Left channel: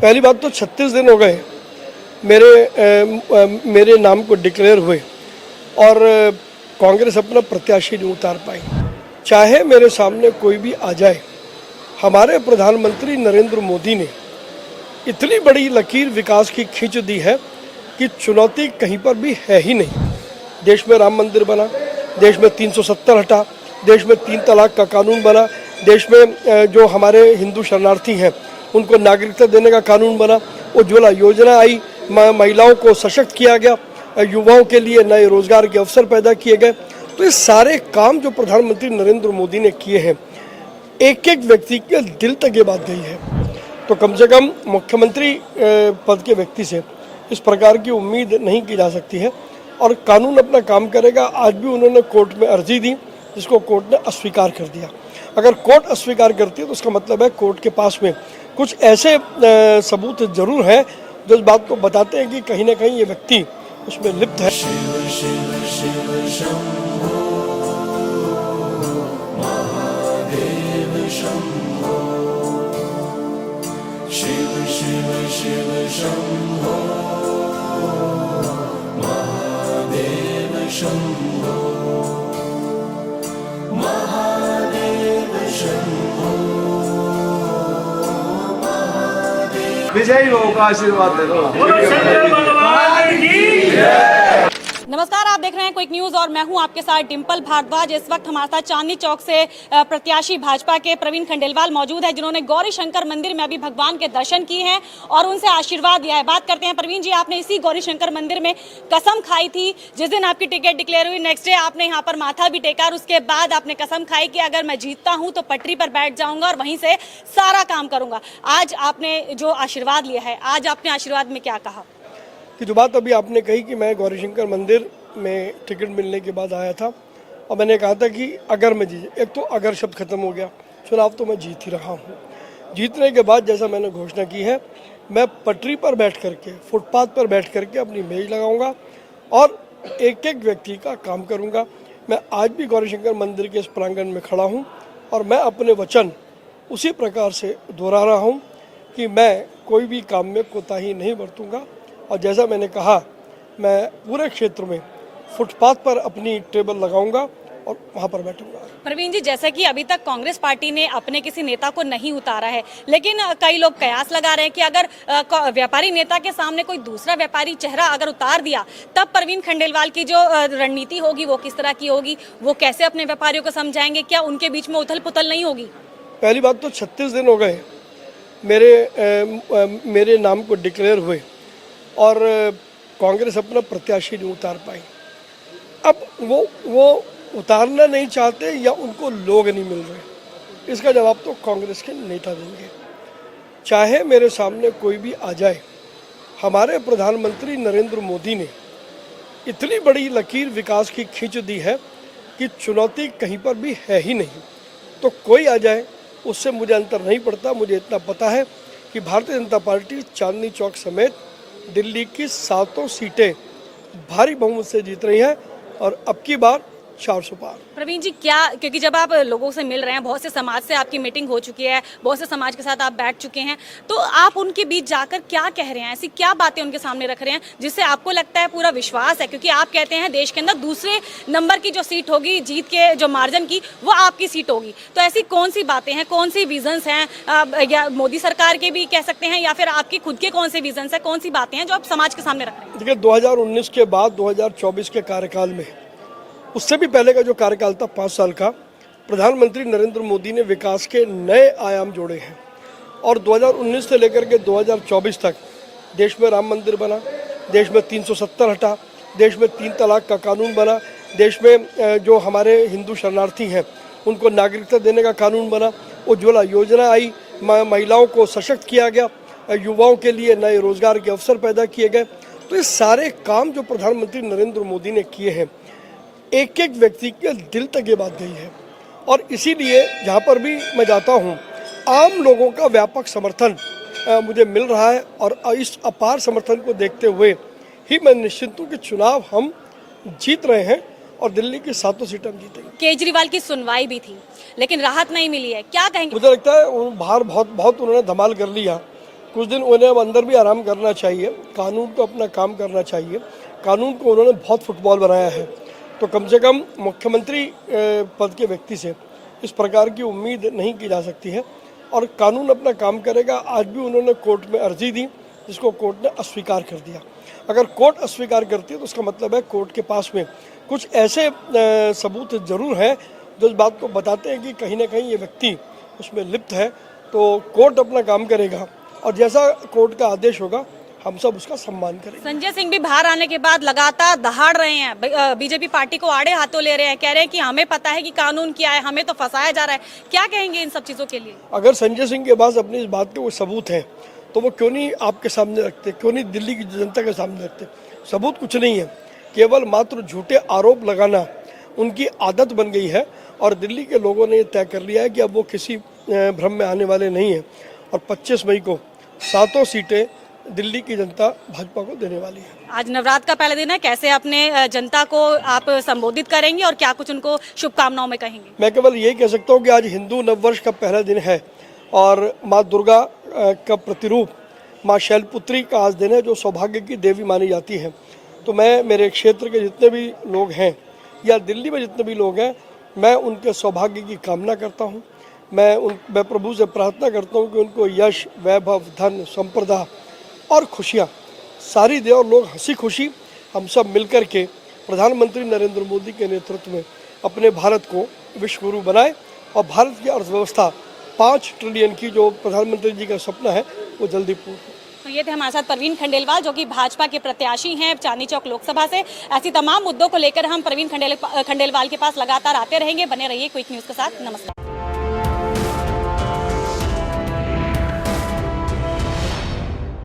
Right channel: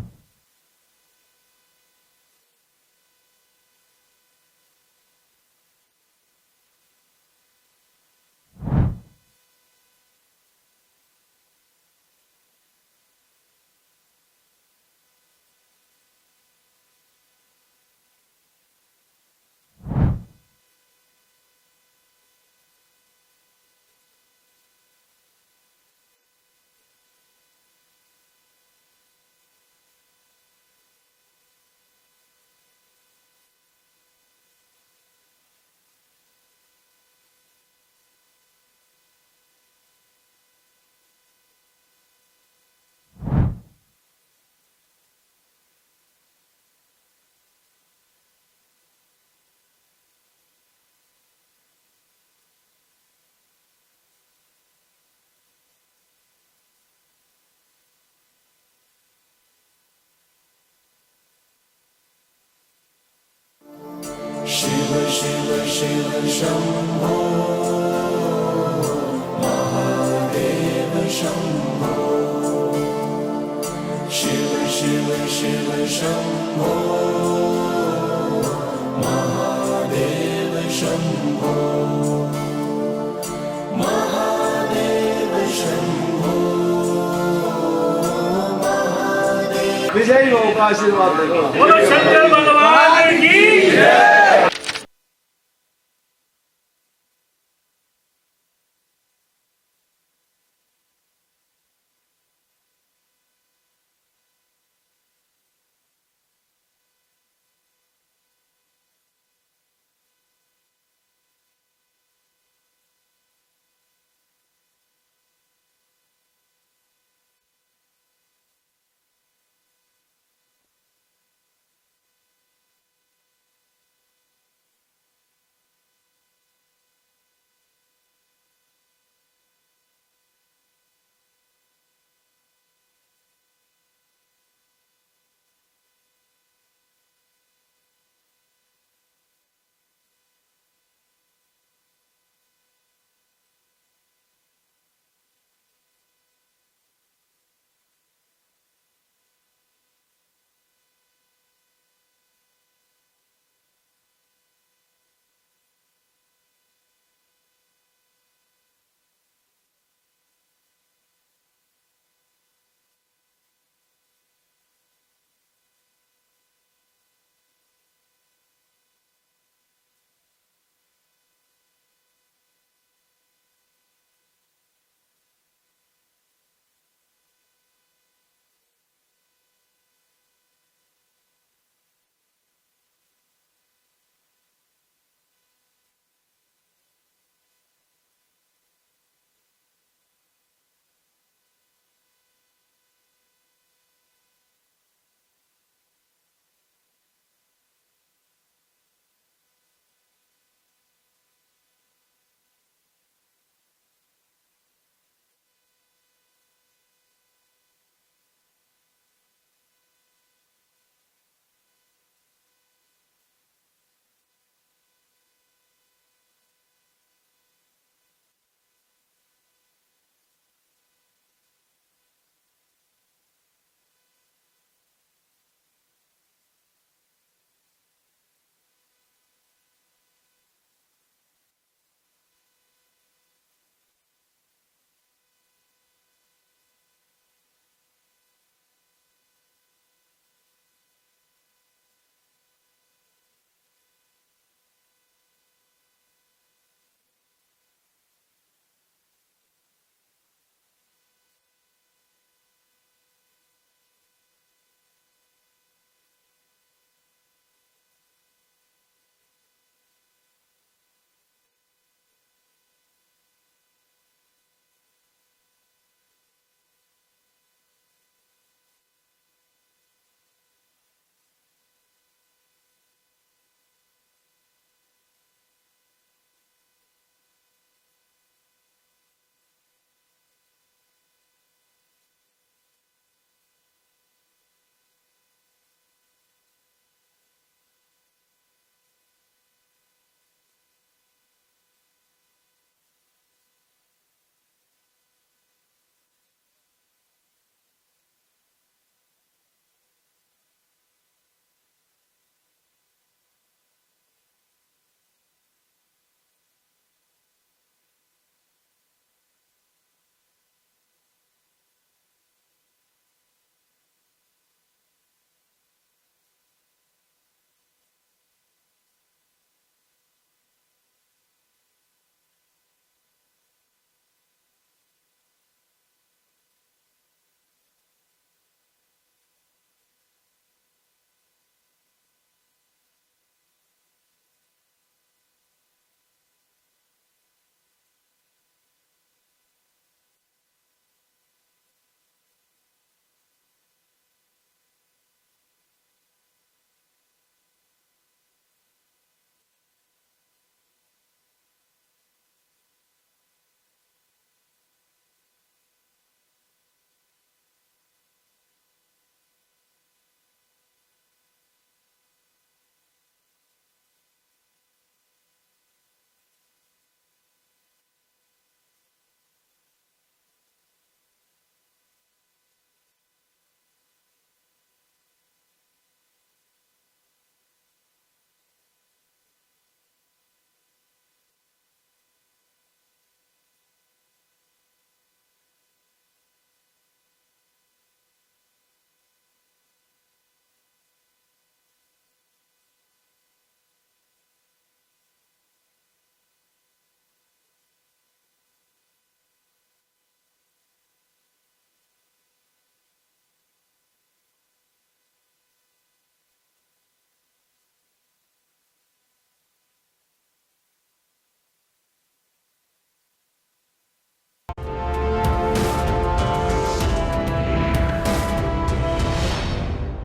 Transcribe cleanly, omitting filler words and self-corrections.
पहली बात तो 36 दिन हो गए मेरे नाम को डिक्लेयर हुए और कांग्रेस अपना प्रत्याशी नहीं उतार पाई। चाहे मेरे सामने कोई भी आ जाए, हमारे प्रधानमंत्री नरेंद्र मोदी ने इतनी बड़ी लकीर विकास की खींच दी है कि चुनौती कहीं पर भी है ही नहीं। देश में राम मंदिर बना, देश में 370 हटा, देश में 3 तलाक का कानून बना, देश में जो हमारे हिंदू शरणार्थी हैं उनको नागरिकता देने का कानून बना, उज्ज्वला योजना आई, महिलाओं को सशक्त किया गया, युवाओं के लिए नए रोजगार के अवसर पैदा किए गए। तो ये सारे काम जो प्रधानमंत्री नरेंद्र मोदी ने किए हैं, एक एक व्यक्ति के दिल तक ये बात गई है। तो कम से कम मुख्यमंत्री पद के व्यक्ति से इस प्रकार की उम्मीद नहीं की जा सकती है और कानून अपना काम करेगा। आज भी उन्होंने कोर्ट में अर्जी दी जिसको कोर्ट ने अस्वीकार कर दिया। अगर कोर्ट अस्वीकार करती है तो उसका मतलब है कोर्ट के पास में कुछ ऐसे सबूत जरूर हैं जो इस बात को बताते हैं कि कहीं ना कहीं ये व्यक्ति उसमें लिप्त है। शिव शिव शिव शंभो महादेव शंभो, शिव शिव शिव शंभो महादेव शंभो, महादेव शंभो, महादेव। विजयी हो का आशीर्वाद दे दो। नमस्कार, आप देख रहे हैं क्विक न्यूज और मैं हूं आपके साथ डिंपल भारद्वाज। इस वक्त हमारे साथ चांदनी चौक से प्रत्याशी भाजपा के प्रवीण खंडेलवाल मौजूद है, जिन्होंने गौरी शंकर मंदिर में अभी भगवान के दर्शन किए हैं और उनसे आशीर्वाद दिया है। बात करते हैं प्रवीण जी, आपने इसी गौरी शंकर मंदिर में कसम खाई थी जिस दिन आपकी टिकट डिक्लेयर हुई। नेक्स्ट डे आपने यहाँ पर माथा भी टेका और उसके बाद आपने कसम खाई कि अगर मैं जीतता हूँ तो पटरी पर बैठ जाऊंगा और वहीं से सारा काम करूंगा। आज आपने जो आशीर्वाद लिया है, आज आपने आशीर्वाद में क्या कहा? कि जो बात अभी आपने कही कि मैं गौरी शंकर मंदिर में टिकट मिलने के बाद आया था और मैंने कहा था कि अगर मैं जीत, एक तो अगर शब्द खत्म हो गया, चुनाव तो मैं जीत ही रहा हूँ। जीतने के बाद जैसा मैंने घोषणा की है, मैं पटरी पर बैठ करके, फुटपाथ पर बैठ करके अपनी मेज लगाऊंगा और एक एक व्यक्ति का काम करूंगा। मैं आज भी गौरी शंकर मंदिर के इस प्रांगण में खड़ा हूँ और मैं अपने वचन उसी प्रकार से दोहरा रहा हूँ कि मैं कोई भी काम में कोताही नहीं बरतूंगा। और जैसा मैंने कहा, मैं पूरे क्षेत्र में फुटपाथ पर अपनी टेबल लगाऊंगा और वहां पर बैठूंगा। प्रवीण जी, जैसे कि अभी तक कांग्रेस पार्टी ने अपने किसी नेता को नहीं उतारा है, लेकिन कई लोग कयास लगा रहे हैं कि अगर व्यापारी नेता के सामने कोई दूसरा व्यापारी चेहरा अगर उतार दिया, तब प्रवीण खंडेलवाल की जो रणनीति होगी वो किस तरह की होगी, वो कैसे अपने व्यापारियों को समझाएंगे, क्या उनके बीच में उथल पुथल नहीं होगी? पहली बात तो 36 दिन हो गए मेरे नाम को डिक्लेयर हुए और कांग्रेस अपना प्रत्याशी नहीं उतार पाई। अब वो उतारना नहीं चाहते या उनको लोग नहीं मिल रहे, इसका जवाब तो कांग्रेस के नेता देंगे। चाहे मेरे सामने कोई भी आ जाए, हमारे प्रधानमंत्री नरेंद्र मोदी ने इतनी बड़ी लकीर विकास की खींच दी है कि चुनौती कहीं पर भी है ही नहीं। तो कोई आ जाए, उससे मुझे अंतर नहीं पड़ता। मुझे इतना पता है कि भारतीय जनता पार्टी चांदनी चौक समेत दिल्ली की 7 सीटें भारी बहुमत से जीत रही है और अब की बार 400 पार। प्रवीण जी, क्या, क्योंकि जब आप लोगों से मिल रहे हैं, बहुत से समाज से आपकी मीटिंग हो चुकी है, बहुत से समाज के साथ आप बैठ चुके हैं, तो आप उनके बीच जाकर क्या कह रहे हैं, ऐसी क्या बातें उनके सामने रख रहे हैं जिससे आपको लगता है पूरा विश्वास है? क्योंकि आप कहते हैं देश के अंदर दूसरे नंबर की जो सीट होगी, जीत के जो मार्जिन की, वो आपकी सीट होगी। तो ऐसी कौन सी बातें हैं, कौन सी विजन्स हैं, या मोदी सरकार के भी कह सकते हैं या फिर आपकी खुद के कौन से विजन्स हैं, कौन सी बातें हैं जो आप समाज के सामने रख रहे हैं? देखिए, 2019 के बाद 2024 के कार्यकाल में, उससे भी पहले का जो कार्यकाल था 5 साल का, प्रधानमंत्री नरेंद्र मोदी ने विकास के नए आयाम जोड़े हैं और 2019 से लेकर के 2024 तक देश में राम मंदिर बना, देश में 370 हटा, देश में 3 तलाक का कानून बना, देश में जो हमारे हिंदू शरणार्थी हैं उनको नागरिकता देने का कानून बना, उज्ज्वला योजना आई, महिलाओं को सशक्त किया गया, युवाओं के लिए नए रोजगार के अवसर पैदा किए गए। तो ये सारे काम जो प्रधानमंत्री नरेंद्र मोदी ने किए हैं, एक एक व्यक्ति के दिल तक ये बात गई है और इसीलिए जहाँ पर भी मैं जाता हूँ, आम लोगों का व्यापक समर्थन मुझे मिल रहा है और इस अपार समर्थन को देखते हुए ही मैं निश्चित हूँ कि चुनाव हम जीत रहे हैं और दिल्ली की 7 सीटें हम जीतेंगे। केजरीवाल की सुनवाई भी थी लेकिन राहत नहीं मिली है, क्या कहेंगे? मुझे लगता है बाहर बहुत उन्होंने धमाल कर लिया। कुछ दिन उन्हें अब अंदर भी आराम करना चाहिए, कानून को अपना काम करना चाहिए। कानून को उन्होंने बहुत फुटबॉल बनाया है, तो कम से कम मुख्यमंत्री पद के व्यक्ति से इस प्रकार की उम्मीद नहीं की जा सकती है और कानून अपना काम करेगा। आज भी उन्होंने कोर्ट में अर्जी दी जिसको कोर्ट ने अस्वीकार कर दिया। अगर कोर्ट अस्वीकार करती है तो उसका मतलब है कोर्ट के पास में कुछ ऐसे सबूत जरूर हैं जो इस बात को बताते हैं कि कहीं ना कहीं ये व्यक्ति उसमें लिप्त है। तो कोर्ट अपना काम करेगा और जैसा कोर्ट का आदेश होगा हम सब उसका सम्मान करेंगे। संजय सिंह भी बाहर आने के बाद लगातार दहाड़ रहे हैं, बीजेपी पार्टी को आड़े हाथों ले रहे हैं, कह रहे हैं कि हमें पता है कि कानून क्या है, हमें तो फंसाया जा रहा है। क्या कहेंगे इन सब चीजों के लिए? अगर संजय सिंह के पास अपनी इस बात के वो सबूत हैं तो वो क्यों नहीं आपके सामने रखते, क्यों नहीं दिल्ली की जनता के सामने रखते? सबूत कुछ नहीं है, केवल मात्र झूठे आरोप लगाना उनकी आदत बन गई है और दिल्ली के लोगों ने ये तय कर लिया है कि अब वो किसी भ्रम में आने वाले नहीं हैं और 25 मई को 7 सीटें दिल्ली की जनता भाजपा को देने वाली है। आज नवरात्र का पहला दिन है, कैसे अपने जनता को आप संबोधित करेंगे और क्या कुछ उनको शुभकामनाओं में कहेंगे? मैं केवल यही कह सकता हूँ कि आज हिंदू नववर्ष का पहला दिन है और माँ दुर्गा का प्रतिरूप माँ शैलपुत्री का आज दिन है जो सौभाग्य की देवी मानी जाती है। तो मैं मेरे क्षेत्र के जितने भी लोग हैं या दिल्ली में जितने भी लोग हैं, मैं उनके सौभाग्य की कामना करता हूँ। मैं प्रभु से प्रार्थना करता हूँ कि उनको यश, वैभव, धन, संपदा और खुशियाँ सारी दे और लोग हंसी खुशी हम सब मिलकर के प्रधानमंत्री नरेंद्र मोदी के नेतृत्व में अपने भारत को विश्व गुरु बनाए और भारत की अर्थव्यवस्था 5 ट्रिलियन की जो प्रधानमंत्री जी का सपना है वो जल्दी पूर्ण हो। तो ये थे हमारे साथ प्रवीण खंडेलवाल जो कि भाजपा के प्रत्याशी हैं चांदनी चौक लोकसभा से। ऐसी तमाम मुद्दों को लेकर हम प्रवीण खंडेलवाल के पास लगातार आते रहेंगे। बने रहिए क्विक न्यूज़ के साथ। नमस्कार।